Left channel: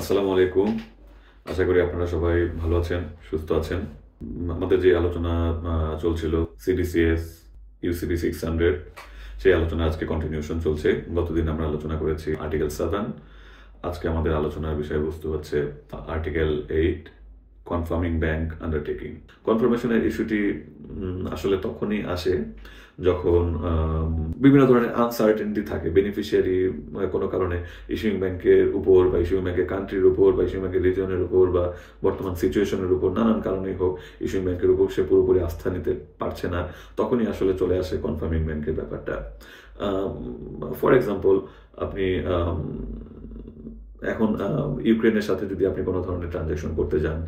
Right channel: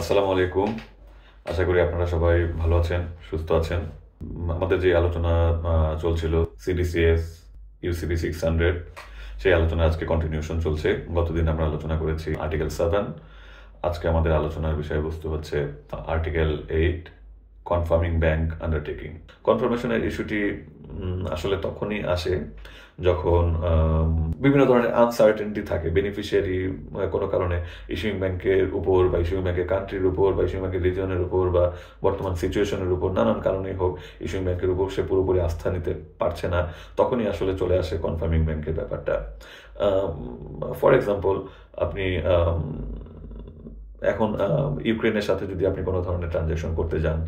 আসসালামু আলাইকুম। আশা করি আপনারা সবাই ভালো আছেন, সুস্থ আছেন। আমাদের যে আলোচনা চলছিল সিডিসিএস, ইউসিবি 600 সেই আলোচনা আজকে কন্টিনিউশন চলছে। গতদিন আমরা আলোচনা করেছি আর্টিকেল 7। আজকে আমাদের আলোচনার বিষয়বস্তু হচ্ছে আর্টিকেল 8 কনফার্মিং ব্যাংক আন্ডারটেকিং। কনফার্মেশনের ইস্যুটি আসলে তখনই আসে যখন বিভিন্ন ধরনের আনসার্টেনটি থাকে বেনিফিশিয়ারি কোনো কারণে ইস্যুইং ব্যাংকের উপর বা ইস্যুইং ব্যাংকের কান্ট্রির উপর বা ইস্যুইং ব্যাংকের রিজিয়নের উপর বা বর্তমান সিচুয়েশনের উপর নানান কারণেই হোক ইস্যুইং ব্যাংকের উপর সে পুরোপুরি আস্থা নিতে পারছে না, তখনই আসলে চলে আসে কনফার্মিং ব্যাংকের ব্যাপারটা। ফর এক্সাম্পল, আপনি এখন ইউক্রেনের সাথে যদি আপনি কোনো ধরনের ট্রানজ্যাকশন করতে যান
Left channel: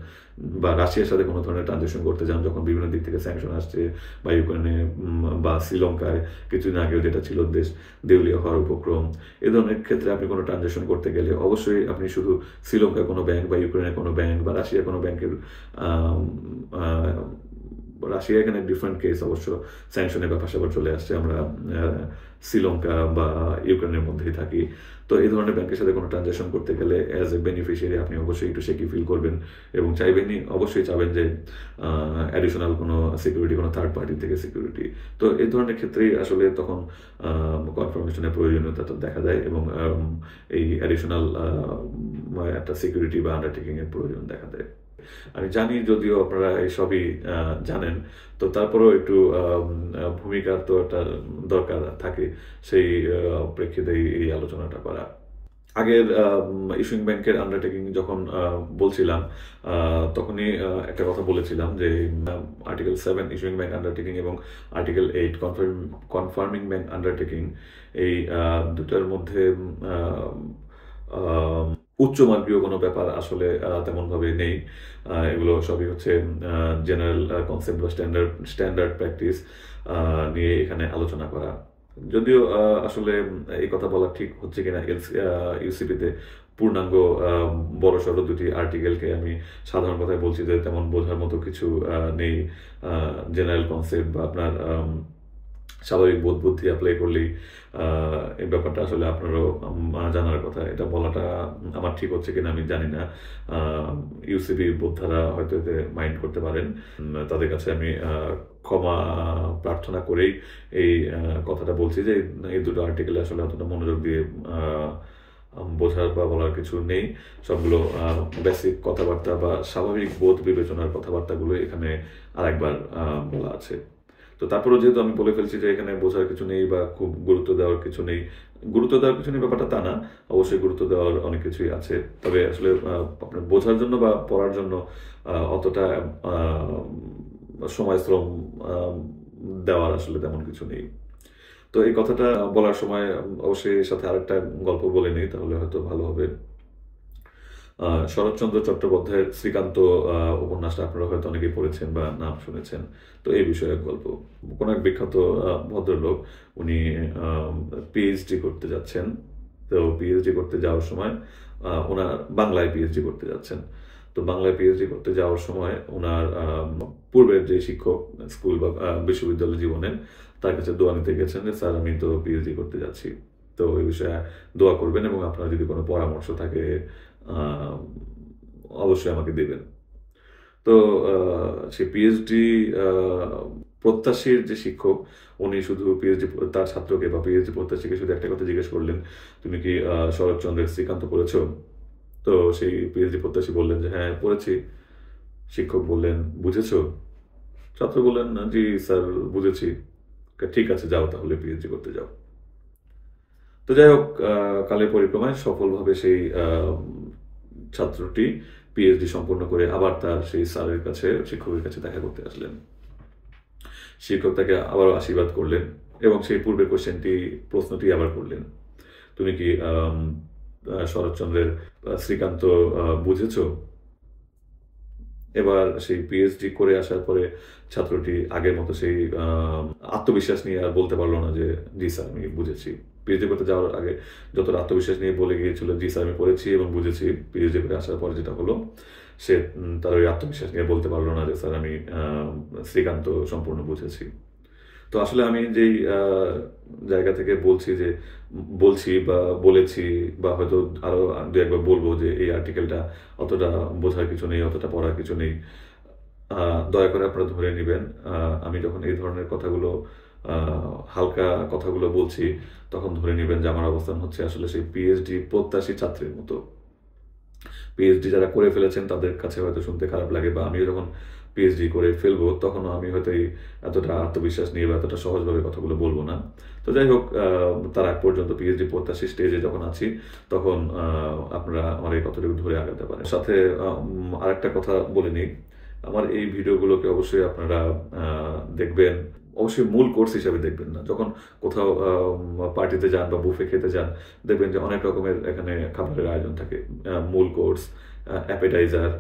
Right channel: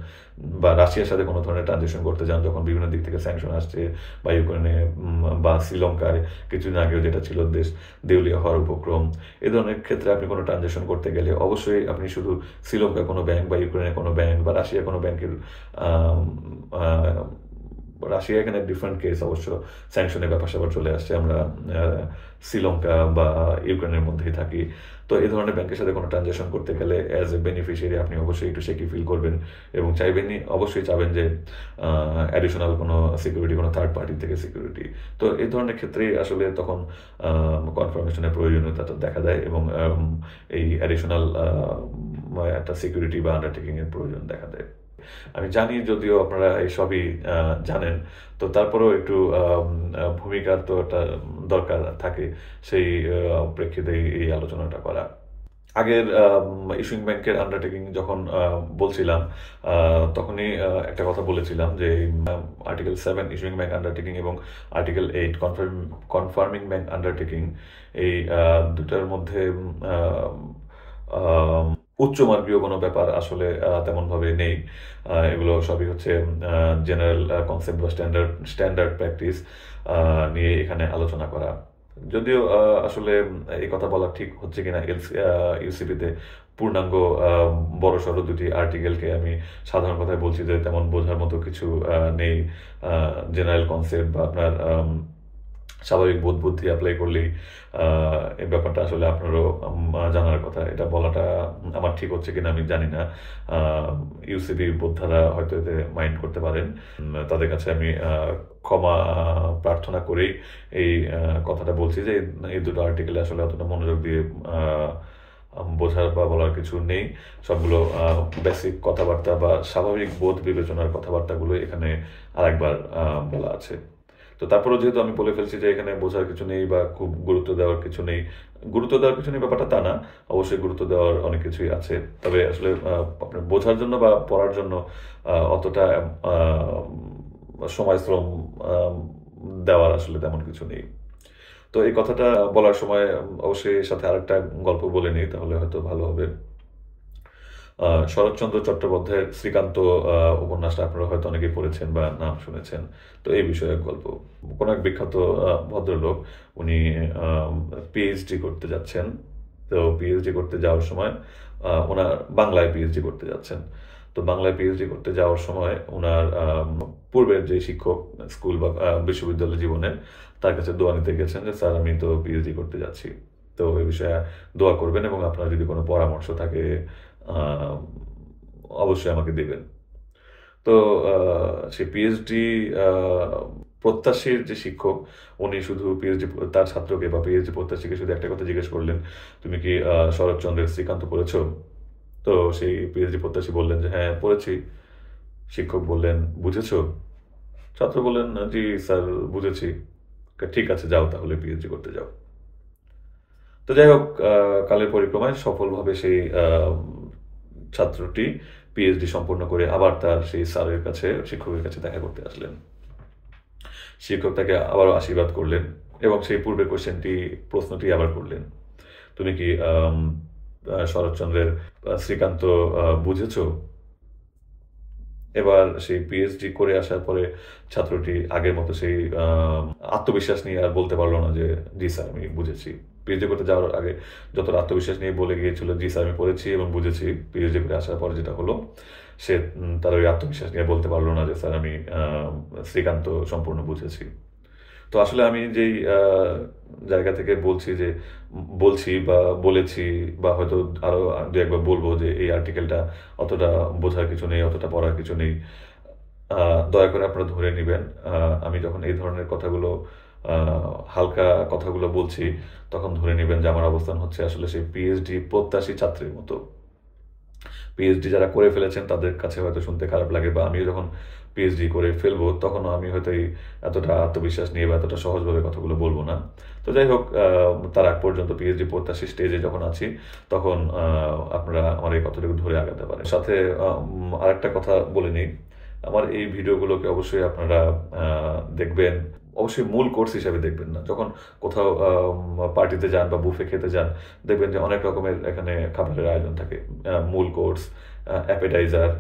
বা রাশিয়ার সাথে কোনো ধরনের ট্রানজ্যাকশন করতে যান, যখন বিভিন্ন দিক থেকে স্যাংশন আসছে বা ইউক্রেনে বা শ্রীলঙ্কায় কিছুদিন আগেও যেটা ছিল দেশ দেউলিয়া হওয়ার উপক্রম, এ ধরনের ক্ষেত্রে আপনি কোনো ট্রানজ্যাকশন করতে গেলে অবশ্যই আপনি শুধু শ্রীলঙ্কার কোনো ব্যাংক বা ইউক্রেনের কোনো ব্যাংক বা রাশিয়ার কোনো ব্যাংকের রাশিয়া এখানে ডিফারেন্ট কেস, অবশ্য স্যাংশনের ব্যাপার স্যাপার চলে আসছে, আমরা শ্রীলঙ্কা বা ইউক্রেনের মধ্যেই থাকি। তো এই ধরনের ব্যাংকের সাথে কোনো ট্রানজ্যাকশন করতে গেলে অ্যাজ এ বেনিফিশিয়ারি আপনি অবশ্যই একটু সেকি ফিল করবেন এবং অবশ্যই চাবেন যে অ্যাডিশনাল কোনো সিকিউরিটি, কোনো থার্ড পার্টি থেকে সিকিউরিটি। তো এই ধরনের ক্ষেত্রেই আসলে তখন কনফার্মেশনের প্রয়োজনীয়তাটা দেখা দেয় এবং এই অ্যাডিশনাল একটা সিকিউরিটি বা আন্ডারটেকিংয়ের প্রয়োজন দেখা দেয়। আমি জানি যদিও আপনারা এইসবই জানেন, তো তারপরেও একটু ভূমিকার তো একটা দরকার থাকে, সেই প্রেক্ষিতে এই আলোচনাটা করা। আগের ইস্যুইং ব্যাংকের আন্ডারটেকিং যখন বলছিলাম, তখনই একটা কথা বলেছিলাম যে আর্টিকেল 7 ইস্যুইং ব্যাংক আন্ডারটেকিং এবং আর্টিকেল 8 কনফার্মিং ব্যাংক আন্ডারটেকিং, এই দুটার মধ্যে উচ্চমার্গীয় কোনো ব্যাপার আসলে তেমনভাবে নেই। এগুলো সবই হচ্ছে জেনারেল কনসেপ্ট বা স্ট্যান্ডার্ড প্র্যাকটিস নিয়ে এখানে আলোচনা করা। যদিও আসলে এই কথা বলা ঠিক হচ্ছে কিনা, ইউসিপিতে পূর্ণাঙ্গ বড়সড় দুটি আর্টিকেলকে আমি সাধারণ কথায় বলছি যে তেমন বোঝার মতো কিছু নেই। জেনারেল কনসেপ্ট বা আপনার স্বাভাবিক বোধ বুদ্ধি অ্যাপ্লাই করলেই এই ব্যাপারটা আসলে আপনারও জানার কথা। এটা বলাটা আমার ঠিক হচ্ছে কিনা আমি জানি না। ইউসিবি বোদ্ধারা হয়তো এতে মাইন্ড করতে পারেন। তাদের কাছে আমি ক্ষমা প্রার্থনা করেই এই কথাটা বলছি যে এই দুটো আর্টিকেলে আসলে অতটা মনোযোগ দিয়ে বোঝার বা বলার কিছু নেই। সবগুলো বেসিক কথাবার্তা বা স্বাভাবিক বোধ বিবেচনার কথাবার্তাগুলো এখানে আরেকবার বলা আছে। তো তারপরেও যেহেতু আমি বলে ফেলছি যে এখানে বোঝার কিছু নেই বা খুব গুরুত্ব দেওয়ার কিছু নেই, গুরুত্ব দেওয়ার কিছু নেই ব্যাপারটা তা না, অবশ্যই গুরুত্ব দেওয়ার অনেক কিছুই আছে। তবে আসলে আপনার বোঝার জন্য বা পড়ার জন্য অতটা সময় শ্রম দেওয়ার আসলে তেমন কিছু নেই। তো এই কথাটা বলার সময় অবশ্যই এর সাথে আরেকটা গল্প বলে নিই, তাহলে হয়তো ভালো হবে। শরৎচন্দ্র চট্টোপাধ্যায়ের শ্রীকান্ত উপন্যাসটা আপনারা হয়তো অনেকেই পড়েছেন বা নাম শুনেছেন। তো এই বিষয়ে গল্প। কোনো এক বিখ্যাত ভদ্রলোক, উনি পিএইচডি করতে যাচ্ছেন। তো পিএইচডি করতে যাওয়ার সময় ওনার বাংলায় পিএইচডি করতে যাচ্ছেন। তো বাংলায় পিএইচডি করতে যাওয়ার সময় ওনার পূর্বের যে শিক্ষক স্কুল বা বিশ্ববিদ্যালয় জীবনের, তার কাছে দোয়া নিতে গেছেন যে স্যার আমি তো পিএইচডি করতে যাচ্ছি, তো এই বিষয়ে দোয়া করবেন এবং আপনার যদি কোনো পরামর্শ থাকে আহ, অবশ্যই আমাকে দেবেন। তো সে পিএইচডি প্রত্যাশীর যে শিক্ষক, উনি শুধু পিএইচডি তার ছাত্রকে বা পিএইচডি প্রত্যাশীকে শুধু একটা কথা জিজ্ঞেস করলেন, তুমি কি শরৎচন্দ্রের শ্রীকান্ত পড়েছো? তো সেই পিএইচডি প্রত্যাশী বললেন যে হ্যাঁ পড়েছি। শিক্ষক বললেন বুঝেছো? ছাত্র বললেন জি স্যার বুঝেছি। ঠিক আছে যাও তাহলে পিএইচডি করতে যাও। তো যাই হোক, কালের পরিক্রমায় সফলভাবে সেই ছাত্রটি পিএইচডি সম্পূর্ণ করে আবার তার সেই স্যারের কাছে, শিক্ষকের কাছে দেখা করতে আসলেন। শিক্ষক তাকে আবারও আশীর্বাদ করলেন এবং সেই পূর্বের প্রশ্নটি আবার করলেন, তুমি কি শরৎচন্দ্রের শ্রীকান্ত বুঝেছো? এবার সেই পিএইচডি করে আসার পরে ছাত্রটি আগের মতো সেই আত্মবিশ্বাস নিয়ে আর বলতে পারলো না যে জি স্যার আমি বুঝেছি। পিএইচডি করতে যাওয়ার আগে যতটা আত্মবিশ্বাস নিয়ে বলে গিয়েছিল জি স্যার আমি পড়েছি এবং বুঝেছি, পিএইচডি করে আসার পরে যেটা হলো, সে তার ওই আত্মবিশ্বাস নিয়ে বলতে পারলো না যে স্যার আমি শ্রীকান্ত সম্পূর্ণ বুঝেছি। তো তো আসলে আমি যেই জায়গা থেকে বলছি বা বলেছি বা হয়তো আরো দু একবার বলবো যে এই আর্টিকেলটা অতটা বোঝার কিছু নেই, অতটা পড়ার কিছু নেই। দয়া করে আপনারা ধরে নিবেন। আমি যখন এই ধরনের কথাগুলো আ হালকা কথাগুলো বলছি, তখন ধরে নিবেন যে আমার অবস্থান হচ্ছে আসলে সেই পিএইচডি প্রত্যাশী ছাত্রের মতো। পিএইচডি যারা করে ফেলেছেন তাদের কাছে হয়তো শুনতে খারাপ লাগে, বা আমিও যখন পিএইচডি করে ফেলবো তখনও আমি হয়তো এতটা আত্মবিশ্বাস নিয়ে বা এতটা সহজভাবে কথাগুলো বলবো না। তো যাই হোক, তার আগ পর্যন্ত পিএইচডি প্রত্যাশী স্টেজে যখন আছি তখন আপনারা আমার এই কথাটুকু ধরে আগাতে পারেন। সাথে আরেকটা কথা বলে নিই, আমার এই ভিডিওগুলোকে অবশ্যই আপনারা দেখবেন। অবশ্যই মূল কোর্স হিসাবে দেখবেন না। যখন কোথাও পার্টিতে যান বা বুফে খেতে যান, দেখবেন যে অনেক রকমের এখানে খাবারের আয়োজন থাকে। মূল কোর্স, অ্যাপেটাইজার,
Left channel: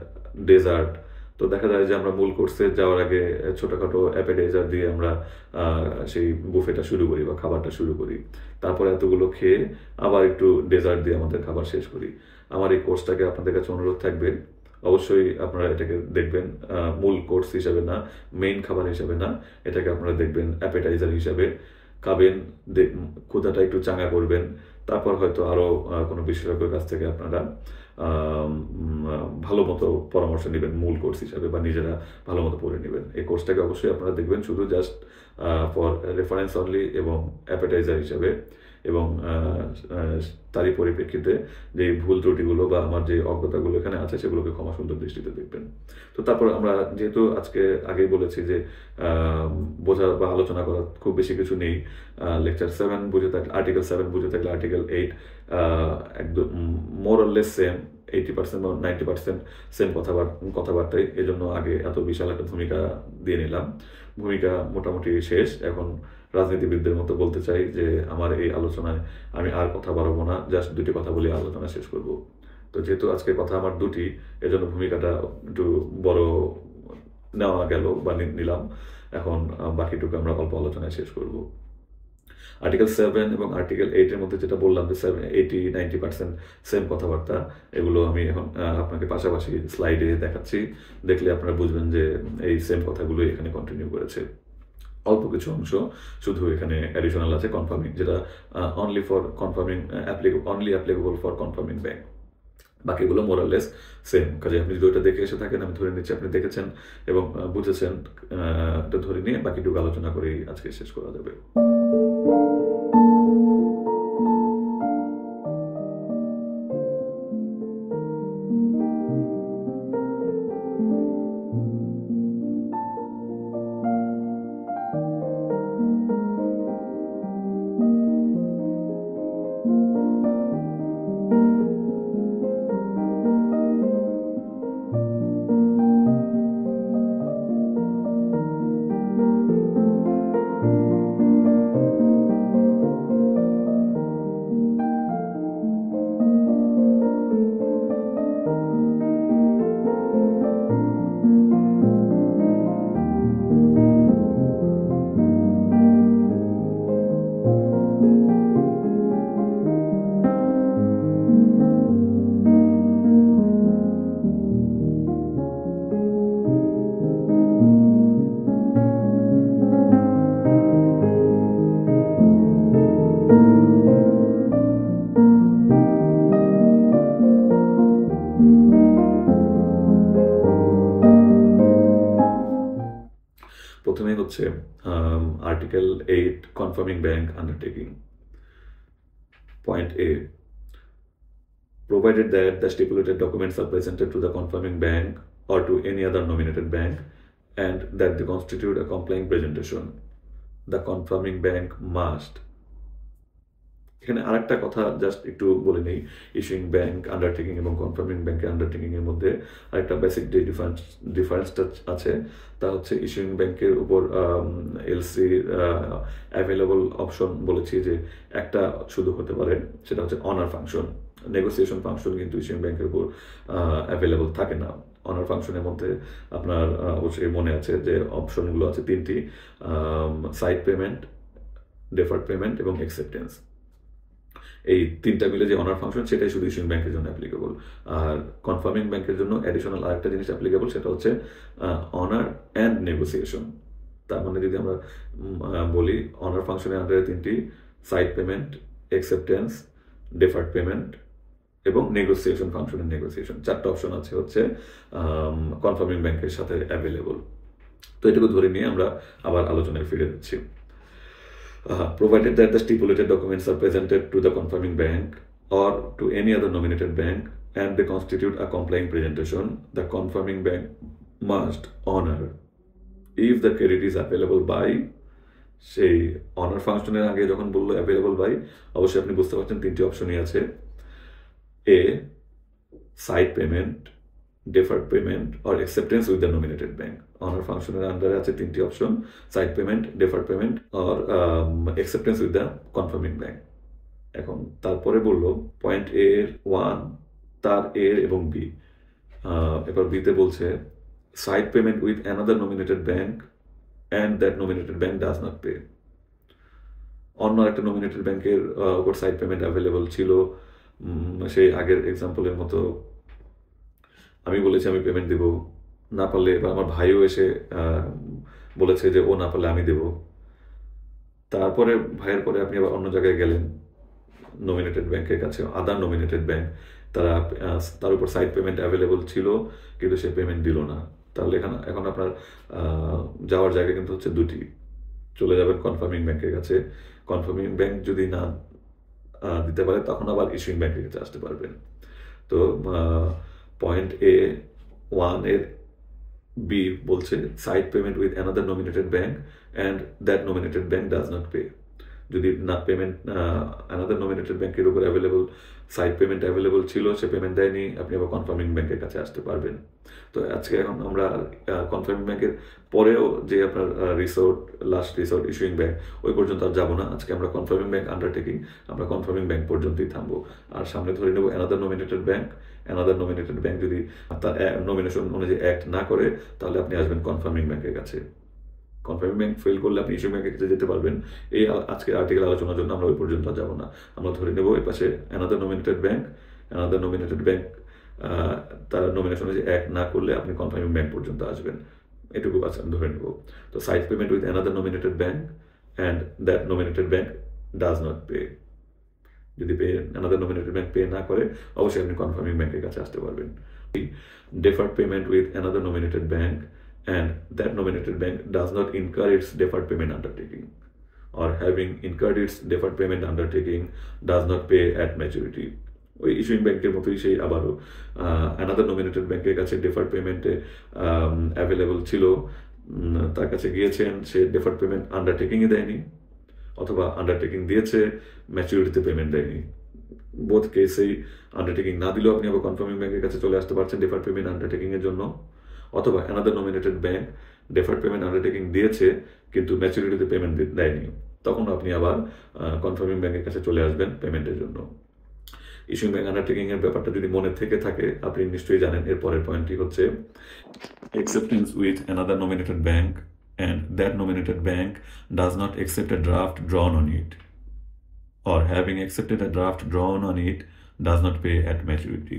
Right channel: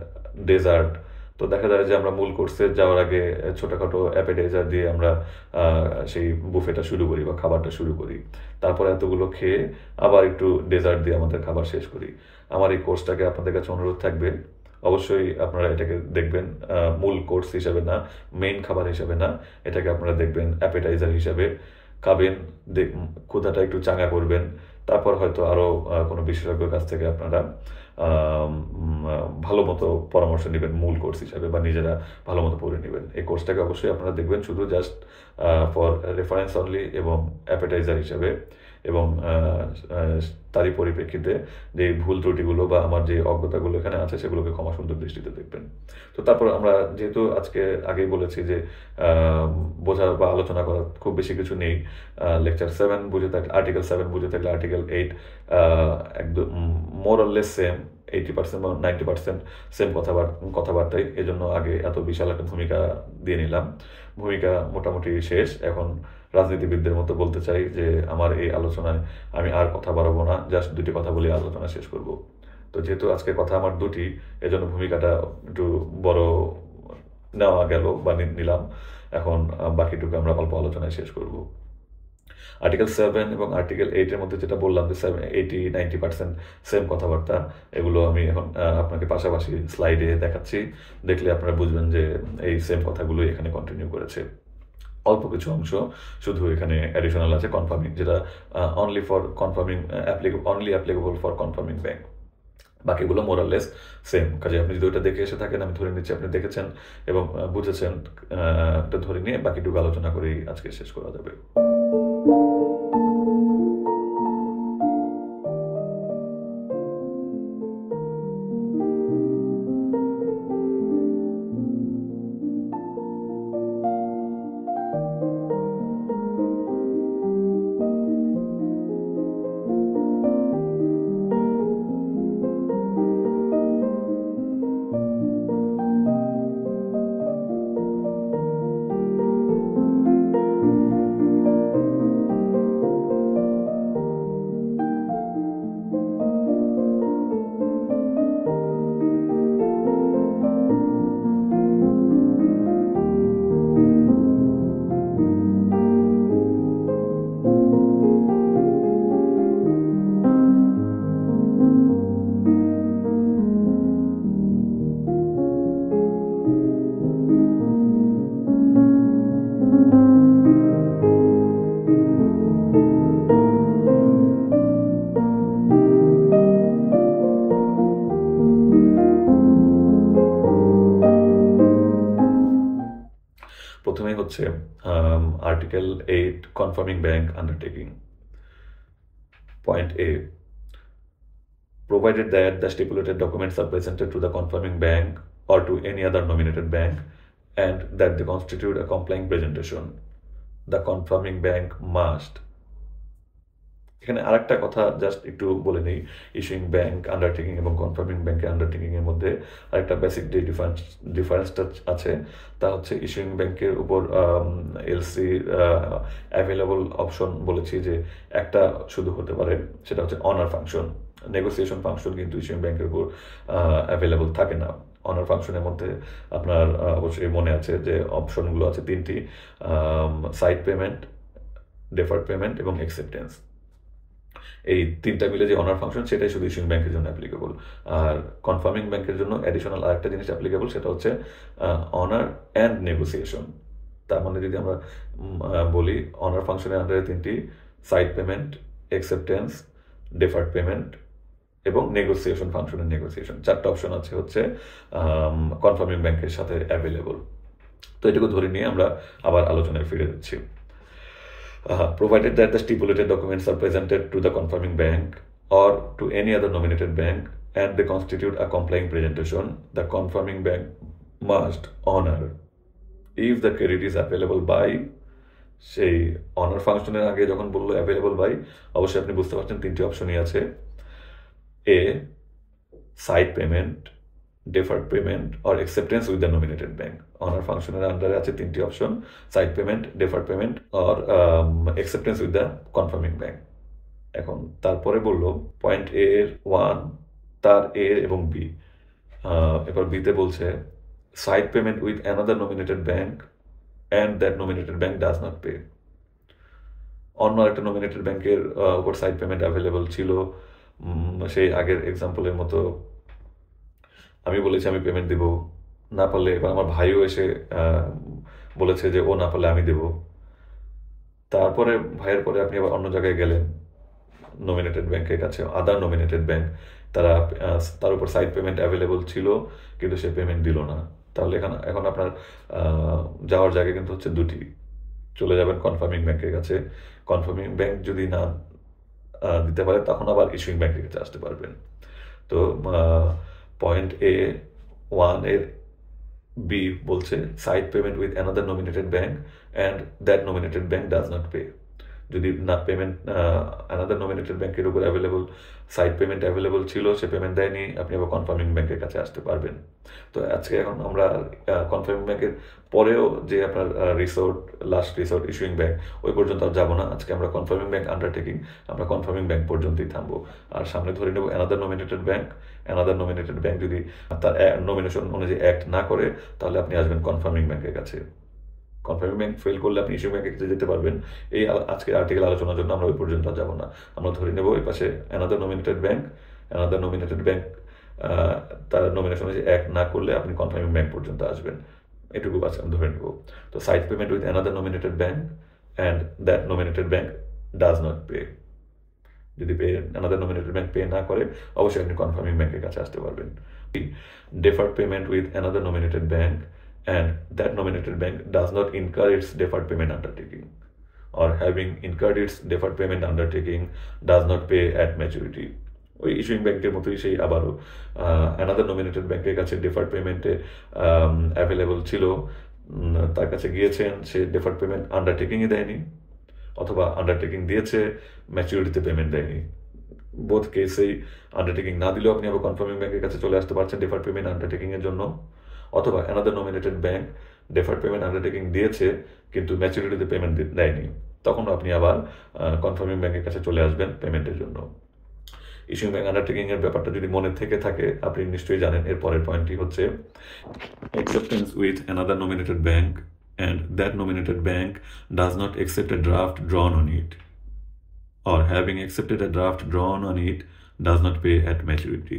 ডেজার্ট। তো দেখা যায় যে আমরা মূল কোর্সে যাওয়ার আগে ছোটখাটো অ্যাপেটাইজার দিয়ে আমরা সেই বুফেটা শুরু করি বা খাবারটা শুরু করি। তারপরে এতগুলো খেয়ে আবার একটু ডেজার্ট দিয়ে আমাদের খাবার শেষ করি। আমার এই কোর্সটাকে আপনাদের কাছে অনুরোধ থাকবে, অবশ্যই আপনারা এটাকে দেখবেন মূল কোর্স হিসাবে না, মেইন খাবার হিসাবে না। এটাকে আপনারা দেখবেন অ্যাপেটাইজার হিসাবে। খাবেন, ক্ষুধাটা একটু চাঙ্গা করবেন। তারপর হয়তো আরো কোনো বিশেষজ্ঞের কাছ থেকে আপনারা ভালো মতো পরামর্শ নিবেন মূল কোর্স হিসাবে, বা নিজেরা ভালো মতো পড়ে নিবেন। এই কোর্সটাকে অবশ্যই আপনারা দেখবেন শুধু জাস্ট ফর রেফারেন্স অনলি এবং অ্যাপেটাইজার হিসাবে, এবং তারই পরিপ্রেক্ষিতে যে ভুল ত্রুটিগুলো বা আমার যে অজ্ঞতাগুলো এখানে আছে সেগুলোকে ক্ষমা সুন্দর দৃষ্টিতে দেখবেন। তো তারপর আমরা যেহেতু আজকে আগেই বলেছি যে বোঝা বা আলোচনা করার খুব বেশি কিছু নেই। লেকচার 7 বুঝে থাকলে, আর্টিকেল 7 বুঝে থাকলে আর্টিকেল 8 একদম মোর অর লেস সেম, 80% বা 90% সেম কথাবার্তাই। এজন্য আগে এত বিশাল একটা ভূমিকা দিয়ে নিলাম। ভূমিকা মোটামুটি শেষ। এখন রাজনীতিবিদদের মতো বলতে চাই যে আমার এই আলোচনায় আমি আর কথা বাড়াবো না, জাস্ট দুটি কথা বলে আলোচনা শেষ করব। তো যেহেতু আজকে কথা আমার দুটি, এজন্য ভূমিকাটা একটু বড় নেওয়া গেল বা নিলাম। এখন বাকিটুকু আমরা অল্প আলোচনায় শেষ করব। আর্টিকেল 7 এবং আর্টিকেল 8 এর মধ্যে যেটা বললাম যে 80-90% সেম কথাবার্তা, এগুলো আমি এখন আপনাকে পাশাপাশি স্লাইডে দেখাচ্ছি। দেখলে আপনারা বুঝবেন যে এই সেম কথাগুলোই এখানে কন্টিনিউ করেছে। অল্প কিছু অংশ শুধু এখানে অ্যাডিশনাল আছে কনফার্মিং, যেটা only for confirming only applicable for confirming bank. বাকিগুলো মোরাললেস সেম। কাজে আপনি যদি ওইটা দেখে এসে থাকেন, আমি ধরে নিচ্ছি আপনি দেখেছেন এবং বুঝেছেন। এটা ধরে নিয়ে বাকিটুকু আলোচনা করেই আজকে শেষ করা যাবে। প্রথমেই হচ্ছে article 8 confirming bank undertaking. Point A, provided that the stipulated documents are presented to the confirming bank or to any other nominated bank and that they constitute a complying presentation, the confirming bank must। এখানে আরেকটা কথা just একটু বলে নেই, issuing bank undertaking এবং confirming ব্যাংকের undertaking এর মধ্যে আরেকটা বেসিক যে ডিফারেন্সটা আছে, তা হচ্ছে ইস্যুইং ব্যাংকের উপর এলসি অ্যাভেলেবল অপশন বলেছি যে একটা শুধু হতে পারে, সেটা হচ্ছে অনার ফাংশন। নেগোসিয়েশন ফাংশন কিন্তু ইস্যুইং ব্যাংকের উপর অ্যাভেলেবল থাকে না। অনার ফাংশনের মধ্যে আপনার অবশ্যই মনে আছে যে অপশনগুলো আছে তিনটি, সাইড পেমেন্ট, ডেফার্ড পেমেন্ট এবং অ্যাকসেপ্টেন্স। এই তিনটা মিলে যে অনার ফাংশন, সেটাই শুধু ইস্যুইং ব্যাংকের জন্য অ্যাপ্লিকেবল। আর কনফার্মিং ব্যাংকের জন্য অ্যাডিশনাল আরেকটা জিনিস অ্যাপ্লিকেবল, সেটা হচ্ছে অনার অ্যান্ড নেগোসিয়েশন। তার মানে যদি আমরা বলি অনার ফাংশনের আন্ডারে 3টি side payment, acceptance, deferred payment এবং নেগোসিয়েশন ফাংশনের নেগোসিয়েশন, 4টা অপশন আছে হচ্ছে কনফার্মিং ব্যাংকের সাথে অ্যাভেলেবল। তো এটুকু ধরে নিয়ে আমরা আবার আলোচনায় ফিরে যাচ্ছি। Provided that the stipulated documents are presented to the confirming bank or to any other nominated bank and they constitute a complying presentation, the confirming bank must honor if the credit is available by, সেই honour ফাংশনের আগে যখন বললো available by, অবশ্যই আপনি বুঝতে পারছেন 3টি অপশনই আছে। A sight payment, deferred payment or acceptance with the nominated bank. Honour ফাংশনের আন্ডারে আছে 3টি option, sight payment, deferred payment or acceptance with the confirming bank। এখন তারপরে বললো পয়েন্ট এ এর 1, তার এ এবং বি। এবার বিতে বলছে sight payment with another nominated bank and that nominated bank does not pay. অন্য একটা নোমিনেটেড ব্যাংকের উপর সাইড পেমেন্ট অ্যাভেলেবল ছিল, সেই আগের এক্সাম্পলের মতো আমি বলেছি আমি পেমেন্ট দেব, না পারলে এবার আমার ভাইও এসে বলেছে যে ও না পারলে আমি দেব। তারপরে ভাইয়ের পরে আপনি আবার অন্য জায়গায় গেলেন নমিনেটেড ব্যাংকের কাছে, আদার নমিনেটেড ব্যাংক, তার উপর সাইড পেমেন্ট অ্যাভেলেবল ছিল কিন্তু সে পেমেন্ট দিল না। তাহলে এখন আপনার যাওয়ার জায়গা কিন্তু হচ্ছে 2টি। চলে যাবেন কনফার্মিং ব্যাংকের কাছে, কনফার্মিং ব্যাংক যদি না দিতে পারে তখন আবার ইস্যুইং ব্যাংকের কাছে আসতে পারবেন। তো পয়েন্ট এ 1 এর বি বলছে sight payment with another nominated bank and that nominated bank does not pay. যদি না পেমেন্ট অ্যানাদার নোমিনেটেড ব্যাংকের উপর অ্যাভেলেবল সাইড পেমেন্ট অ্যাভেলেবল ছিল, সে পেমেন্ট দেয়নি, আপনি আবার কনফার্মিং ব্যাংকের কাছে আসতে পারবেন। তো আজকে এখন আমরা কনফার্মিং ব্যাংকের পরেও যে আপনার লাস্ট রিসোর্ট ইস্যুইং ব্যাংক ওই পর্যন্ত আর যাবো না। আজকে আমরা কনফার্মিং ব্যাংক আন্ডারটেকিং, আমরা কনফার্মিং ব্যাংক পর্যন্তই থামবো। আর সামনে ধরে নেব another nominated bank. Another nominated bank যদি তার নমিনেশন অনুযায়ী অ্যাক্ট না করে তাহলে আপনি আসবেন কনফার্মিং ব্যাংকের কাছে। কনফার্মিং ব্যাংক ফেল করলে আপনি ইস্যুইং ব্যাংকের কাছে যেতে পারবেন। এই আজকের আর্টিকেল আলোচনার জন্য আমরা ওই পর্যন্ত যাব না। আমরা ধরে নেব এই পাশে অ্যানাদার নোমিনেটেড ব্যাংক তার নমিনেশন অনুযায়ী অ্যাক্ট না করলে আপনি কনফার্মিং ব্যাংক পর্যন্ত আসবেন, এটুকু আমি ধরে নেব। তো sight payment with another nominated bank and that nominated bank does not pay. যদি অ্যানাদার নোমিনেটেড ব্যাংক পে না করে অবশ্যই আপনি কনফার্মিং ব্যাংকের কাছে আসতে পারবেন। Deferred payment with another nominated bank and that nominated bank does not incur its deferred payment undertaking or having incurred its deferred payment undertaking does not pay at maturity। ওই issuing ব্যাংকের মতোই সেই আবারও another nominated ব্যাংকের কাছে deferred পেমেন্টে available ছিল, তার কাছে গিয়েছেন, সে ডেফার্ড পেমেন্ট আন্ডারটেকিংই দেয়নি, অথবা আন্ডারটেকিং দিয়েছে ম্যাচুরিটিতে পেমেন্ট দেয়নি। বোথ কেসেই আন্ডারটেকিং না দিলেও আপনি আবার কনফার্মিং ব্যাংকের কাছে চলে আসতে পারছেন ডেফার্ড পেমেন্ট আন্ডারটেকিংয়ের জন্য, অথবা another nominated bank deferred payment undertaking দিয়েছে কিন্তু ম্যাচুরিটিতে পেমেন্ট দেয়নি, তখন আপনি আবার কনফার্মিং ব্যাংকের কাছে চলে আসবেন পেমেন্টের জন্য। ইস্যুইং ব্যাংক আন্ডারটেকিংয়ের ব্যাপারটা যদি মনে থেকে থাকে আপনি নিশ্চয়ই জানেন। এর পরের পয়েন্টটি হচ্ছে acceptance with another nominated bank and that nominated bank does not accept a draft drawn on it or having accepted a draft drawn on it does not pay at maturity।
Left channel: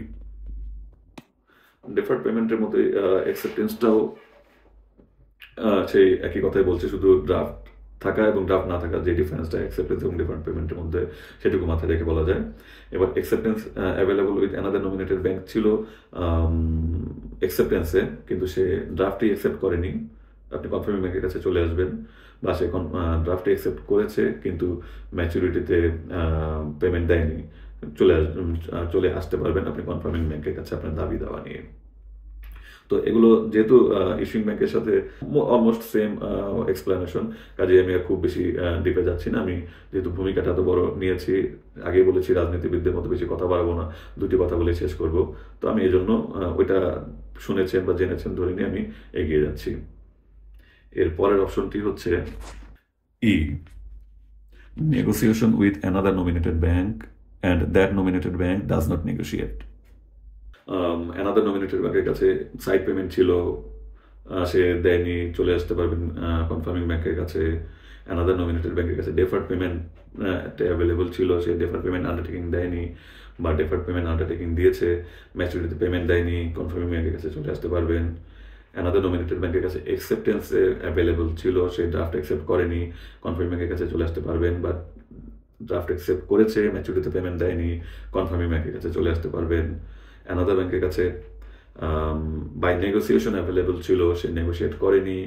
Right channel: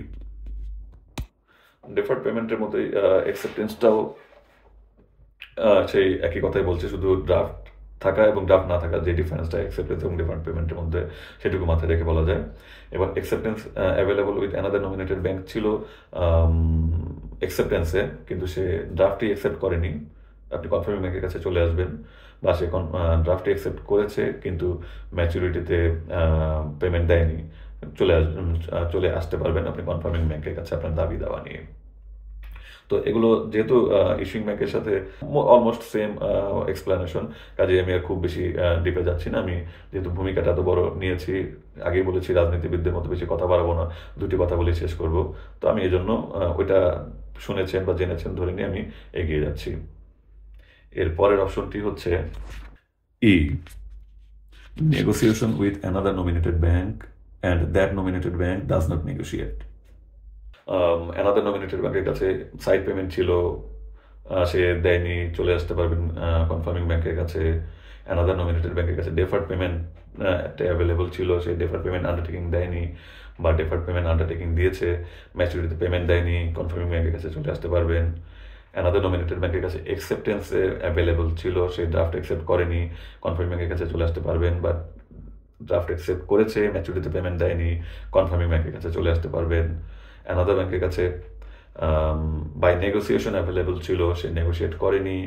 Deferred পেমেন্টের মতোই অ্যাকসেপ্টেন্সটাও সেই একই কথাই বলছে, শুধু draft থাকা এবং draft না থাকা যে ডিফারেন্সটা অ্যাকসেপ্টেন্স এবং ডেফার্ড পেমেন্টের মধ্যে সেটুকু মাথায় রেখে বলা যায়। এবার acceptance available with another nominated bank ছিল অ্যাকসেপ্টেন্সে, কিন্তু সে ড্রাফটই অ্যাকসেপ্ট করেনি, আপনি কনফার্মিং ব্যাংকের কাছে চলে আসবেন। বা সে ড্রাফটে অ্যাকসেপ্ট করেছে কিন্তু ম্যাচুরিটিতে পেমেন্ট দেয়নি, চলে আসতে পারবেন আপনি কনফার্মিং ব্যাংকের কাছে আপনার দাবি দাওয়া নিয়ে। তো এগুলো যেহেতু ইস্যুইং ব্যাংকের সাথে অলমোস্ট সেম এক্সপ্লেনেশন, কাজে আমি আর খুব বেশি ডিপে যাচ্ছি না। আমি যেহেতু ভূমিকাটা এত বড় নিয়েছি, আগেই বলেছি রাজনীতিবিদদের মতো বেশি কথা বাড়াবো না, 2টি কথা বলে শেষ করব। তো আমি এই জন্য ওইটা শুনেছেন বা জেনেছেন ধরে নিয়ে আমি এগিয়ে যাচ্ছি। এর পরের অপশনটি হচ্ছে E, negotiation with another nominated bank and that nominated bank does not negotiate. Another nominated ব্যাংকের কাছে সাইড পেমেন্ট ছিল, সে দেয়নি, চলে আসতে পারবেন কনফার্মিং ব্যাংকের কাছে। অ্যানাদার নোমিনেটেড ব্যাংকের কাছে ডেফার্ড পেমেন্ট অ্যাভেলেবল ছিল, সে ডেফার্ড পেমেন্ট আন্ডারটেকিং দেয়নি বা ডেফার্ড পেমেন্ট আন্ডারটেকিং দিয়েছে ম্যাচুরিটিতে পেমেন্ট দেয়নি, কনফার্মিং ব্যাংকের কাছে চলে আসতে পারবেন। অ্যানাদার নমিনেটেড ব্যাংকের কাছে অ্যাকসেপ্টেন্স অ্যাভেলেবল ছিল, সে ড্রাফট অ্যাকসেপ্ট করেনি, কনফার্মিং ব্যাংকের কাছে চলে আসতে পারবেন, বা ড্রাফট অ্যাকসেপ্ট করেছে, ম্যাচুরিটিতে পেমেন্ট দেয়নি, কনফার্মিং ব্যাংকের কাছে চলে আসতে পারবেন। অ্যানাদার ব্যাংকের কাছে বাই নেগোসিয়েশন অ্যাভেলেবল ছিল, সে নেগোসিয়েট করেনি,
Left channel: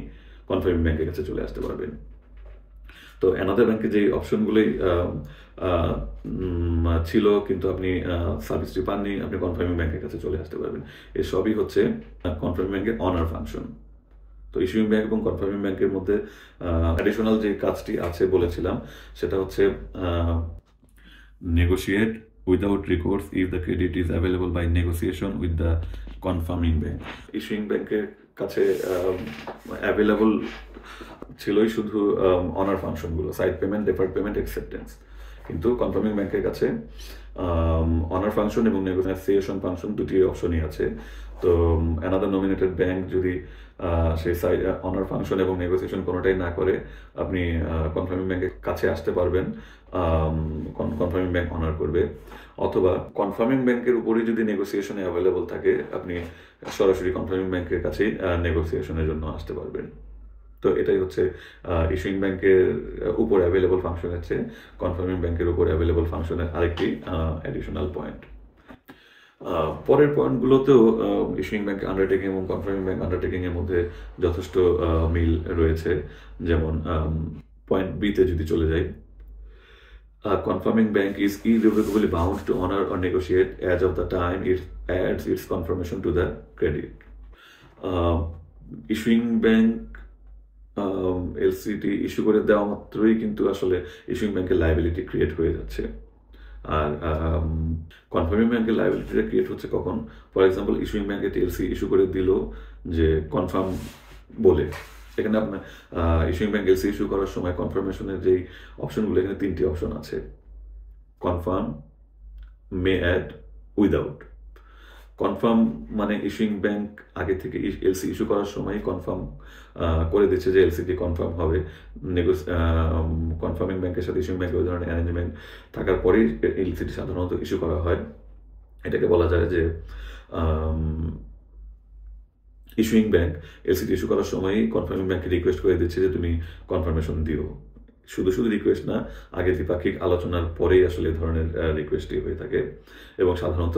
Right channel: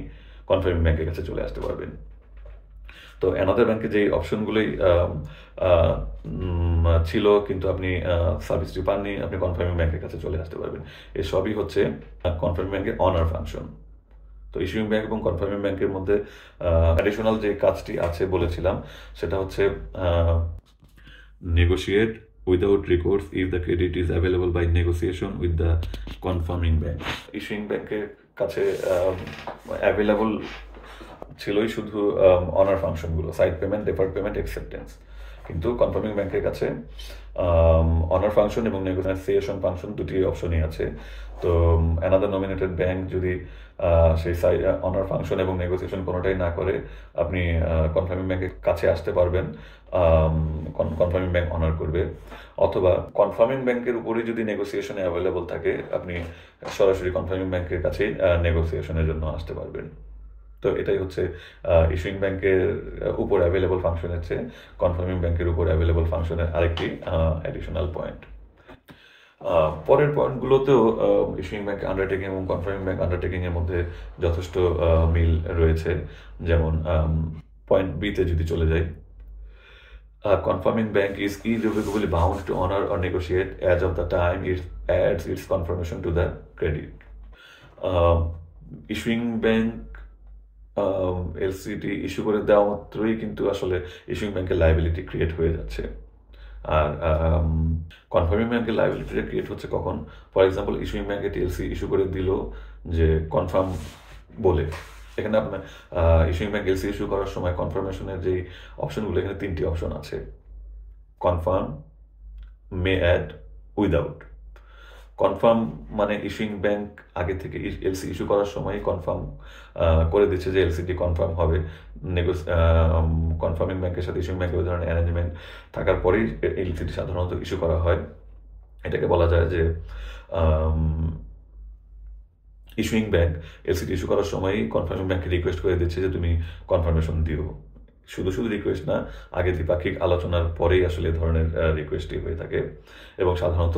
কনফার্মিং ব্যাংকের কাছে চলে আসতে পারবেন। তো অ্যানাদার ব্যাংকে যে অপশনগুলোই ছিল কিন্তু আপনি সার্ভিসটি পাননি, আপনি কনফার্মিং ব্যাংকের কাছে চলে আসতে পারবেন। এসবই হচ্ছে কনফার্মিং ব্যাংকের অনার ফাংশন। তো ইস্যুইং ব্যাংক এবং কনফার্মিং ব্যাংকের মধ্যে অ্যাডিশনাল যে কাজটি আছে বলেছিলাম, সেটা হচ্ছে negotiate without recourse if the credit is available by negotiation with the confirming bank. Issuing ব্যাংকের কাছে অ্যাভেলেবল ছিলই শুধু অনার ফাংশনগুলো, sight payment, deferred payment, acceptance. কিন্তু কনফার্মিং ব্যাংকের কাছে অনার ফাংশন এবং নেগোসিয়েশন ফাংশন দুটি অপশনই আছে। তো অ্যানাদার নমিনেটেড ব্যাংক যদি সেই অনার ফাংশন এবং নেগোসিয়েশন কোনোটাই না করে, আপনি কনফার্মিং ব্যাংকের কাছে আসতে পারবেন, কনফার্মিং ব্যাংক অনার করবে। অথবা কনফার্মিং ব্যাংকের উপরই যদি নেগোসিয়েশনে অ্যাভেলেবল থাকে, আপনি সরাসরি কনফার্মিং ব্যাংকের কাছেই নেগোসিয়েশনের জন্য আসতে পারবেন। তো এটাই হচ্ছে ইস্যুইং ব্যাংকের উপর অ্যাভেলেবল ফাংশনের চেয়ে কনফার্মিং ব্যাংকের উপর অ্যাভেলেবল ফাংশনের আরেকটি অ্যাডিশনাল পয়েন্ট। পরের পয়েন্টগুলোতেও ইস্যুইং ব্যাংক আন্ডারটেকিং এবং কনফার্মিং ব্যাংক আন্ডারটেকিংয়ের মধ্যে যথেষ্ট মিল রয়েছে। যেমন পয়েন্ট বিতে যদি চলে যাই, confirming bank is irrevocably bound to honor or negotiate as of the time it adds its confirmation to the credit. Issuing bank এলসিটি ইস্যু করে দেওয়া মাত্রই কিন্তু আসলে ইস্যুইং ব্যাংকের লায়াবিলিটি ক্রিয়েট হয়ে যাচ্ছে। আর কনফার্মিং ব্যাংকের লায়াবিলিটিটা ক্রিয়েট হচ্ছে কখন? ফর এক্সাম্পল, ইস্যুইং ব্যাংকে টিএলসি ইস্যু করে দিল যে কনফার্ম বলে, এখানে আপনার ইস্যুইং ব্যাংক এলসি ইস্যু করার সময় কনফার্মেশনের যেই অপশনগুলো, এখানে 3টি অপশন আছে: কনফার্ম, মে অ্যাড, উইদাউট। কনফার্ম মানে ইস্যুইং ব্যাংক আগে থেকে এলসি ইস্যু করার সময় কনফার্ম করে দিচ্ছে যে এলসিটি কনফার্ম হবে। কনফার্মিং ব্যাংকের সাথে ইস্যুইং ব্যাংকের ওই ধরনের অ্যারেঞ্জমেন্ট থাকার পরেই এলসিটি সাধারণত ইস্যু করা হয়। এটাকে বলা যায় যে ইস্যুইং ব্যাংক এলসিটি ইস্যু করার সময়ই কনফার্মিং ব্যাংকে রিকোয়েস্ট করে দিচ্ছে যে তুমি কনফার্মেশন দিও। শুধু রিকোয়েস্ট না, আগে দ্বিপাক্ষিক আলোচনার পরেই আসলে এ ধরনের রিকোয়েস্টই হয়ে থাকে এবং সাধারণত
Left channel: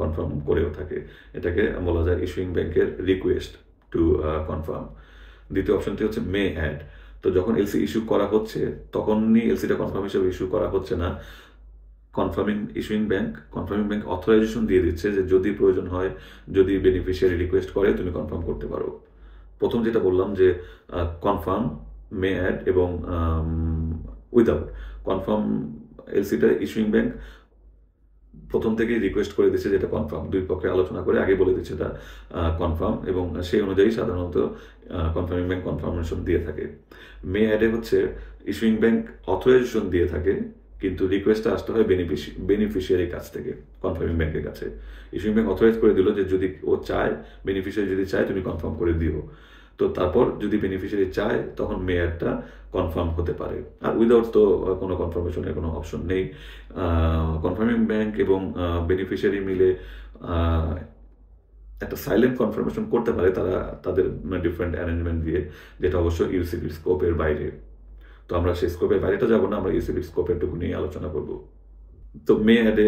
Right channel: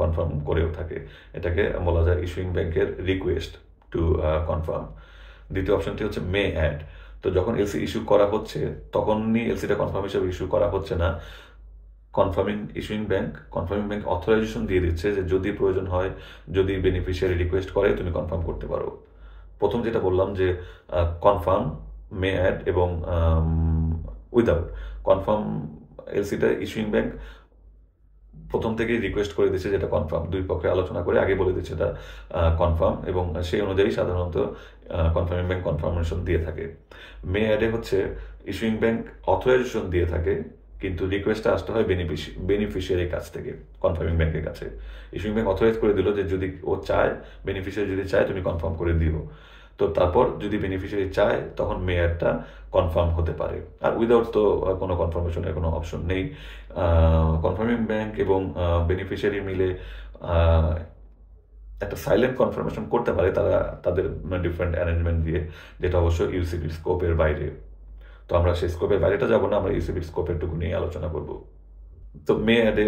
কনফার্ম করেও থাকে। এটাকে বলা যায় ইস্যুইং ব্যাংকের রিকোয়েস্ট টু কনফার্ম। দ্বিতীয় অপশনটি হচ্ছে মে অ্যাড। তো যখন এলসি ইস্যু করা হচ্ছে তখনই এলসিটা কনফার্ম হিসেবে ইস্যু করা হচ্ছে না, কনফার্মিং ব্যাংক অথরাইজেশন দিয়ে দিচ্ছে যে যদি প্রয়োজন হয়, যদি বেনিফিশিয়ারি রিকোয়েস্ট করে, তুমি কনফার্ম করতে পারো। প্রথম যেটা বললাম যে কনফার্ম, মে অ্যাড এবং উইদাউট। কনফার্ম এলসিটা ইস্যুইং ব্যাংক প্রথম থেকেই রিকোয়েস্ট করে দিচ্ছে যেটা কনফার্ম, দুই পক্ষে আলোচনা করে আগে বলে দিচ্ছে এটা কনফার্ম, এবং সেই অনুযায়ী সাধারণত কনফার্মিং ব্যাংক কনফার্মেশন দিয়ে থাকে। মে অ্যাডে হচ্ছে ইস্যুইং ব্যাংক অথরাইজেশন দিয়ে থাকে, কিন্তু রিকোয়েস্টটা আসতে হয় বেনিফিশিয়ারির কাছ থেকে, কনফার্মিং ব্যাংকের কাছে। ইস্যুইং ব্যাংক অথরাইজ করে দিল যে যদি ও চায়, বেনিফিশিয়ারি যদি চায়, তুমি কনফার্ম করে দিও। তো তারপর যদি বেনিফিশিয়ারি চায় তখন মে অ্যাডটা কনফার্ম হতে পারে। আর উইদাউট তো কোনো কনফার্মেশনের কোনো অপশন নেই। কনফার্মিং ব্যাংক এবং বেনিফিশিয়ারি মিলে একটা সাইলেন্ট কনফার্মেশন করতে পারে তারা তাদের ডিফারেন্ট অ্যারেঞ্জমেন্ট দিয়ে, যেটা অবশ্য ইউসিবির স্কোপের বাইরে। তো আমরা সেই স্কোপের বাইরেটা যাব না, আমরা ইউসিবির স্কোপেরটুকু নিয়ে আলোচনা করব। তো মে অ্যাডে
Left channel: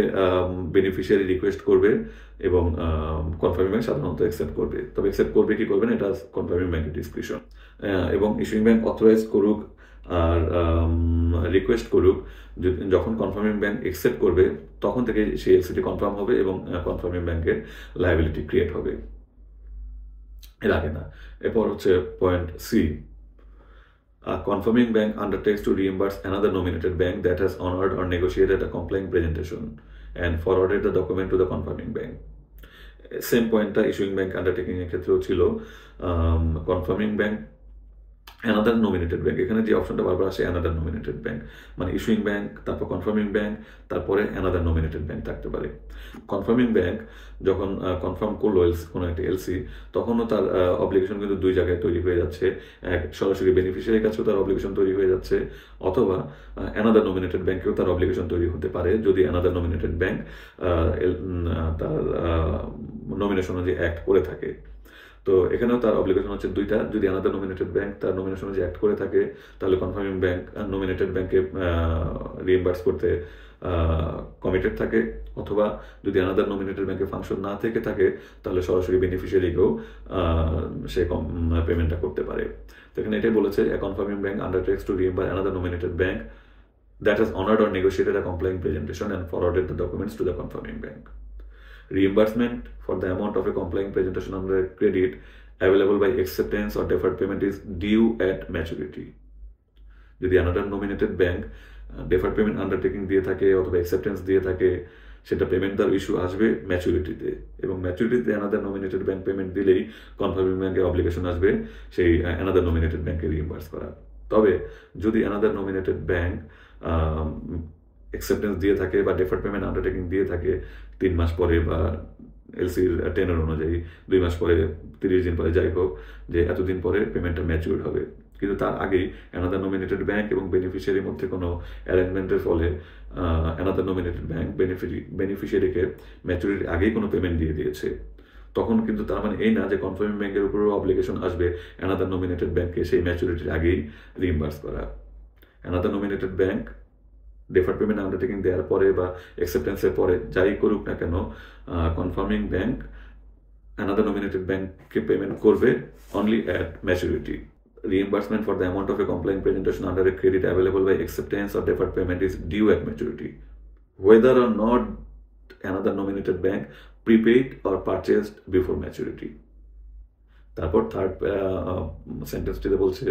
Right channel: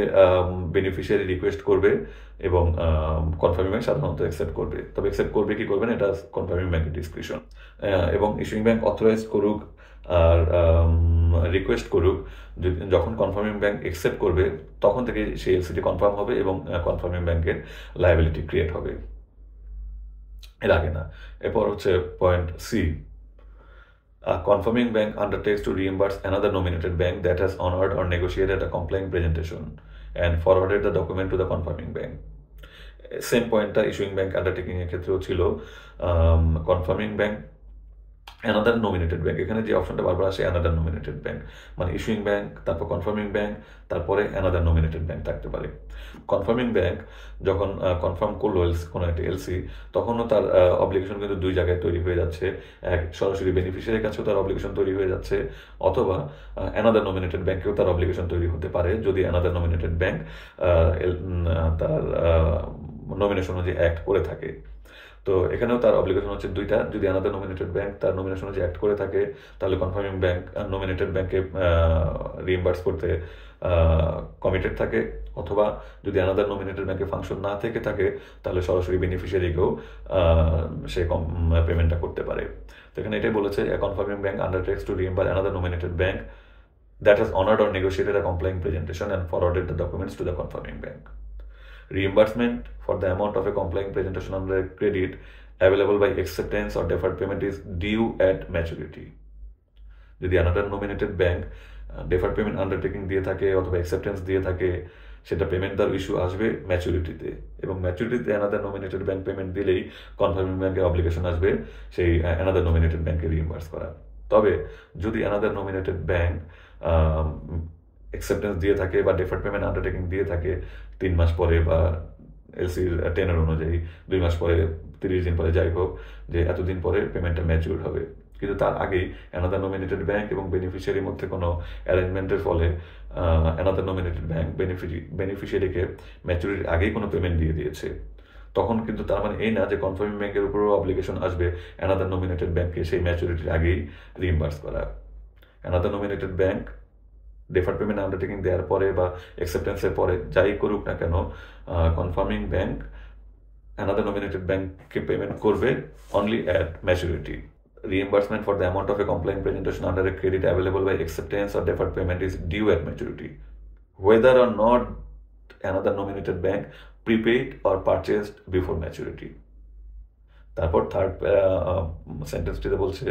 বেনিফিশিয়ারি রিকোয়েস্ট করবে এবং কনফার্মিং ব্যাংক সাধারণত অ্যাকসেপ্ট করবে। তবে অ্যাকসেপ্ট করবে কি করবে না, এটা কনফার্মিং ব্যাংকের ডিসক্রিপশন। এবং ইস্যুইং ব্যাংক অথরাইজ করুক আর রিকোয়েস্ট করুক, যখন কনফার্মিং ব্যাংক অ্যাকসেপ্ট করবে তখন থেকে সেই এলসিটি কনফার্ম হবে এবং কনফার্মিং ব্যাংকের লায়াবিলিটি ক্রিয়েট হবে, এর আগে না। এরপর হচ্ছে point C, a confirming bank undertakes to reimburse another nominated bank that has honored or negotiated a complying presentation and forwarded the document to the confirming bank. Same পয়েন্টটা issuing bank undertaking এর ক্ষেত্রেও ছিল। Confirming bank another nominated bank, এখানে যে অপশনটা বারবার আসে another nominated bank, মানে ইস্যুইং ব্যাংক, তারপর কনফার্মিং ব্যাংক, তারপরে অ্যানাদার নমিনেটেড ব্যাংক থাকতে পারে। কনফার্মিং ব্যাংক যখন কনফার্ম করলো কোনো একটা এলসি, তখনও তার অব্লিগেশন কিন্তু দুই জায়গায় তৈরি হয়ে যাচ্ছে। এক, সরাসরি বেনিফিশিয়ারির কাছেও তার অব্লিগেশন তৈরি হয়ে যাচ্ছে, অথবা অ্যানাদার নমিনেটেড ব্যাংকেও তার অব্লিগেশন তৈরি হতে পারে যদি অ্যানাদার নমিনেটেড ব্যাংক তার নমিনেশন অনুযায়ী অ্যাক্ট করে থাকে। তো এখানেও তার অব্লিগেশন হচ্ছে দুইটা। যদি আনাদার নমিনেটেড ব্যাংক তার নমিনেশন অনুযায়ী অ্যাক্ট করে থাকে, তাহলে কনফার্মিং ব্যাংক নমিনেটেড ব্যাংকে রিএম্বার্স করতে কমিটেড থাকে, অথবা যদি আনাদার নমিনেটেড ব্যাংকে ফাংশন না থেকে থাকে, তাহলে সরাসরি বেনিফিশিয়ারিকেও সে পেমেন্টটা করতে পারে। তো এখানে এটাই বলেছে, a confirming bank undertakes to reimburse another nominated bank that has honored or negotiated a complying presentation and forwarded the documents to the confirming bank. Reimbursement for the amount of a complying presentation under a credit available by acceptance or deferred payment is due at maturity. যদি another nominated bank deferred payment undertaking দিয়ে থাকে অথবা acceptance দিয়ে থাকে, সেটা payment তার issue আসবে ম্যাচুরিটিতে, এবং ম্যাচুরিটিতে অ্যানাদার নমিনেটেড ব্যাংক পেমেন্ট দিলেই কনফার্মিং ব্যাংকের অব্লিগেশন আসবে সেই অ্যানাদার নমিনেটেড ব্যাংকে রিইম্বার্স করা। তবে যদি অ্যানাদার নমিনেটেড ব্যাংক অ্যাকসেপ্টেন্স দিয়ে থাকে বা ডেফার্ড পেমেন্ট আন্ডারটেকিং দিয়ে থাকে 3 মাস পরে বা এলসির টেনার অনুযায়ী 2 মাস পরে, 30 দিন পরে, যাই হোক, যে এতদিন পরে পেমেন্টটা ম্যাচিউর হবে, কিন্তু তার আগেই অ্যানাদার নমিনেটেড ব্যাংক এবং বেনিফিশিয়ারির মধ্যে কোনো অ্যারেঞ্জমেন্টের ফলে অ্যানাদার নমিনেটেড ব্যাংক বেনিফিশিয়ারিকে ম্যাচুরিটির আগেই কোনো পেমেন্ট দিয়ে দিয়েছে, তখন কিন্তু তার মানে এই না যে কনফার্মিং ব্যাংকের উপরেও অব্লিগেশন আসবে অ্যানাদার নমিনেটেড ব্যাংককে সেই ম্যাচুরিটির আগেই রিইম্বার্স করা। Another nominated bank deferred payment undertaking দেওয়ার পরে বা অ্যাকসেপ্টেন্সের পরে যাই করুক না কেন, কনফার্মিং ব্যাংক অ্যানাদার নমিনেটেড ব্যাংককে পেমেন্ট করবে only at maturity. Reimbursement for the amount of a complying presentation under a credit available by acceptance or deferred payment is due at maturity, whether or not another nominated bank prepaid or purchased before maturity. তারপর third সেন্টেন্সটিতে বলছে,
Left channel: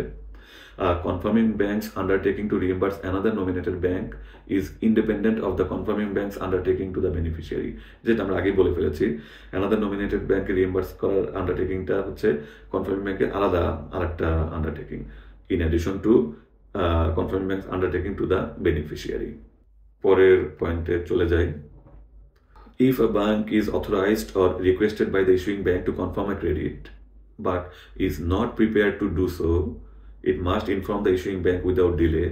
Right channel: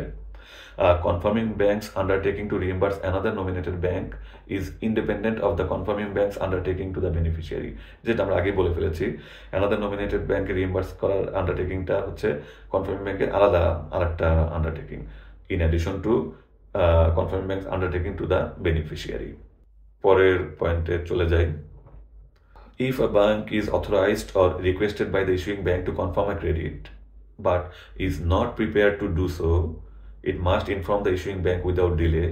confirming bank's undertaking to reimburse another nominated bank is independent of the confirming bank's undertaking to the beneficiary. যেটা আমরা আগেই বলে ফেলেছি, another nominated bank রিইম্বার্স করার আন্ডারটেকিংটা হচ্ছে confirming ব্যাংকের আলাদা আরেকটা undertaking, in addition to confirming bank's undertaking to the beneficiary. পরের পয়েন্টে চলে যাই। If a bank is authorized or requested by the issuing bank to confirm a credit but is not prepared to do so, it must inform the issuing bank without delay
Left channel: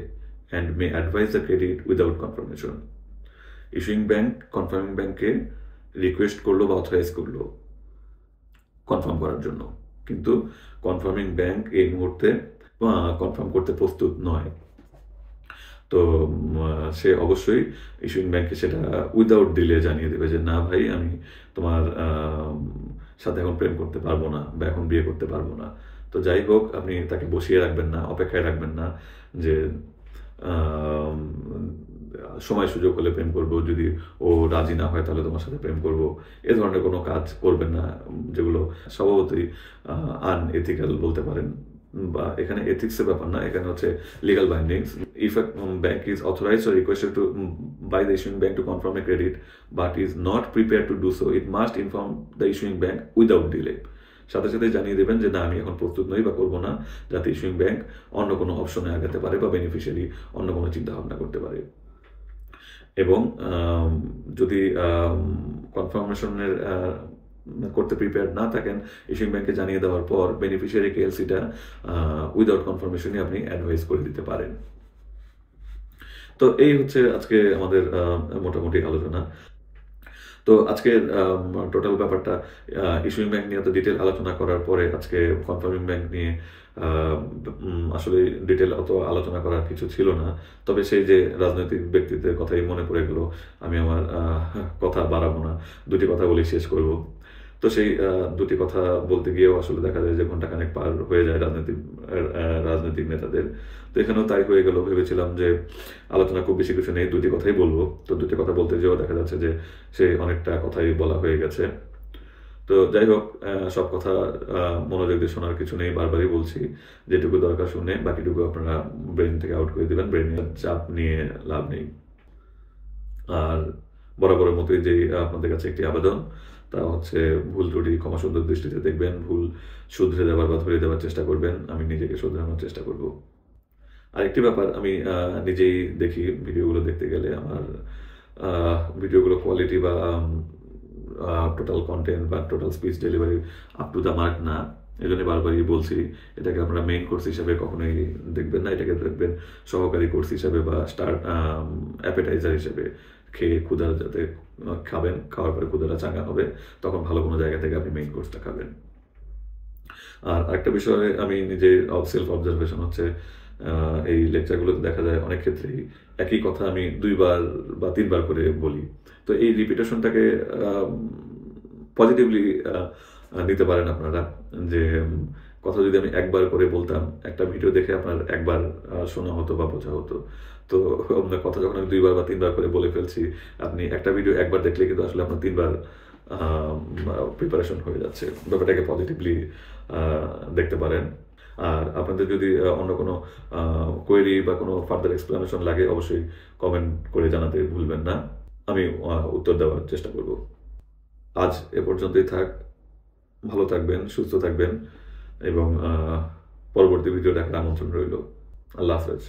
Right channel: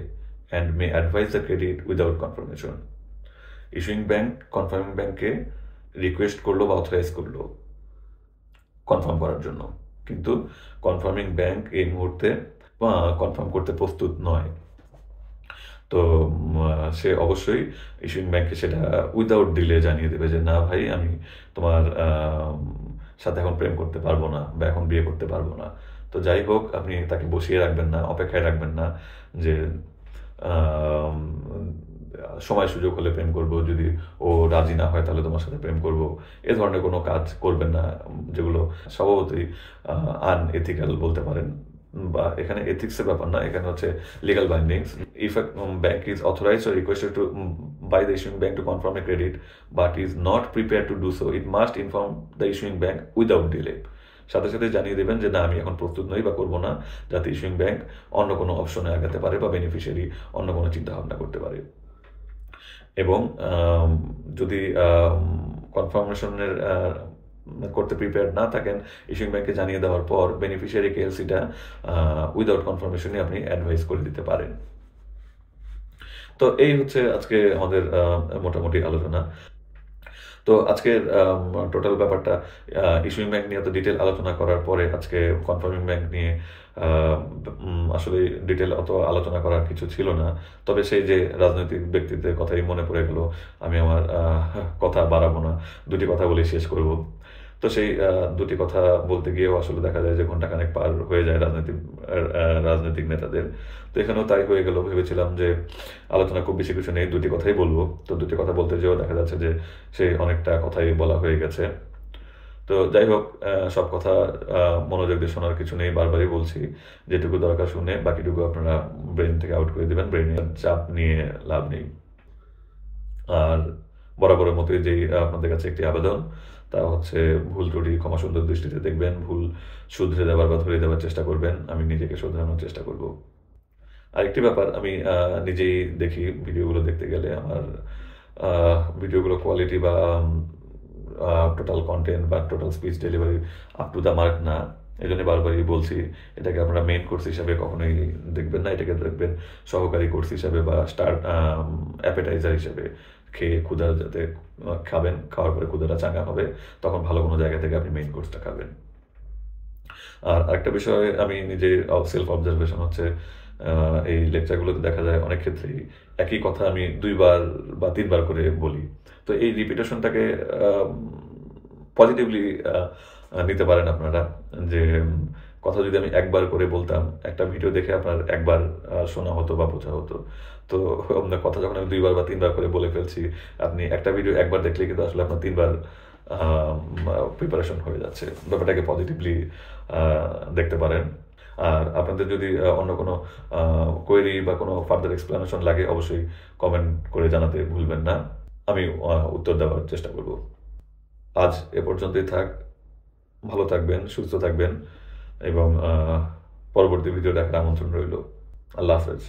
and may advise the credit without confirmation. Issuing bank confirming ব্যাংকে request করলো বা authorize করলো confirm করার জন্য, কিন্তু confirming bank এই মুহূর্তে confirm করতে প্রস্তুত নয়, তো সে অবশ্যই ইস্যুইং ব্যাংকে সেটা উইদাউট ডিলে জানিয়ে দেবে যে না ভাই, আমি তোমার সাথে এখন প্রেম করতে পারবো না বা এখন বিয়ে করতে পারবো না। তো যাই হোক, আপনি তাকে বসিয়ে রাখবেন না, অপেক্ষায় রাখবেন না যে সময় সুযোগ হলে প্রেম করব, যদি ও রাজি না হয় তাহলে তোমার সাথে প্রেম করব, এ ধরনের কোনো কাজ করবেন না, যেগুলো স্বভাবতই আনএথিক্যাল বলতে পারেন, বা এখানে এথিক্সের ব্যাপার না, এখানে হচ্ছে legal bindings. If A bank is authorised or requested to by the issuing bank to confirm a credit but is not prepared to do so, it must inform the issuing bank without delay. সাথে সাথে জানিয়ে দেবেন যে না, আমি এখন প্রস্তুত নই বা করবো না, যাতে ইস্যুইং ব্যাংক অন্য কোনো অপশনে আগাতে পারে বা বেনিফিশিয়ারি অন্য কোনো চিন্তা ভাবনা করতে পারে। এবং যদি কনফার্মেশনের করতে প্রিপেয়ার না থাকেন, ইস্যুইং ব্যাংকে জানিয়ে দেওয়ার পর বেনিফিশিয়ারিকে এলসিটা উইদাউট কনফার্মেশনই আপনি অ্যাডভাইস করে দিতে পারেন। তো এই হচ্ছে আজকে আমাদের মোটামুটি আলোচনা। তো আজকের টোটাল ব্যাপারটা ইস্যুইং ব্যাংক নিয়ে এত ডিটেল আলোচনা করার পরে আজকে কনফার্মিং ব্যাংক নিয়ে আসলে ডিটেল অত আলোচনা করার কিছু ছিল না, তবে সেই যে রাজনৈতিক ব্যক্তিত্বের কথাই মনে পড়ে গেল। আমি আমার কথা বাড়াবো না, দুটি কথা বলেই শেষ করব। তো সেই দুটি কথা বলতে গিয়েও আসলে দেখা যায় যে ঘন্টাখানেক পার হয়ে যায় রাজনৈতিক নেতাদের। তো এখানেও তাই হয়ে গেল, ভেবেছিলাম যে আলোচনা খুব বেশি কিছু নেই, দুটি কথাই বলবো, তো দুটি কথা বলতে যেও দেখা যাচ্ছে যে সেই অনেকটা কথাই বলা হয়ে গেছে। তো যাই হোক, সব কথা মনোযোগ দিয়ে শোনার কিছু নেই, বারবারই বলছি, যেটুকু দরকার শুনে বাকিটুকু আপনারা ব্রেন থেকে আউট করে দেবেন, ব্রেনের চাপ নিয়ে লাভ নেই। আর বরাবরের মতোই যে আপনাদের কাছে একটি আবেদন, তা হচ্ছে ভুল ত্রুটি ক্ষমা সুন্দর দৃষ্টিতে দেখবেন, ভুল শুধরে দেওয়ার বা ধরিয়ে দেওয়ার চেষ্টা করবেন, আমি নিজেকে শোধরানোর চেষ্টা করব। আরেকটি ব্যাপার, আমি নিজেই দেখি ভিডিওগুলো দেখতে গেলে আমার ভিডিওগুলো কোয়ালিটি বা টোটাল কন্টেন্ট বা total speech delivery up to the mark না, এই জন্য বারবারই বলছি, এটাকে আপনারা মেইন কোর্স হিসাবে কখনোই দেখবেন না, এটাকে দেখবেন সহকারী কোর্স হিসাবে বা স্টার্ট অ্যাপেটাইজার হিসেবে। খেয়ে ক্ষুধা যাতে খাবেন, খাওয়ার পরে ক্ষুধাটা চাঙ্গা হবে, তখন ভালো কোনো জায়গা থেকে আপনি মেইন কোর্সটা খাবেন। আর আরেকটা বিষয় আমি নিজে সেলফ অবজারভেশন হচ্ছে, এই লেকচারগুলোতে দেখা যায় অনেক ক্ষেত্রেই একই কথা আমি ২ বার বা ৩ বার করে বলি। তো এই রিপিটেশনটাকে পজিটিভলি নিতে পারেন আপনারা। যে কথা যদি আমি একবার করে বলতাম, একটা ভিডিও দেখে আপনার একবার শোনা হতো বা বোঝা হতো। তো আপনার কথা যখন আমি ২ বার বা ৩ বার করে বলে ফেলছি, আপনি একটা ভিডিও একবার দেখলে কিন্তু আসলে আপনার ৩ বার প্রিপারেশন হয়ে যাচ্ছে। ব্যাপারটাকে পজিটিভলি আ দেখতে পারেন। আর আপনাদের যদি অন্য কোনো কোয়েরি বা কোনো ফার্দার এক্সপ্লানেশন লাগে অবশ্যই কমেন্ট করে জানাতে ভুলবেন না। আমি উত্তর দেওয়ার চেষ্টা করব। আজ এ পর্যন্তই থাক। ভালো থাকবেন, সুস্থ থাকবেন এবং পরবর্তী ভিডিও দেখার আমন্ত্রণ রইল। আল্লাহ হাফেজ।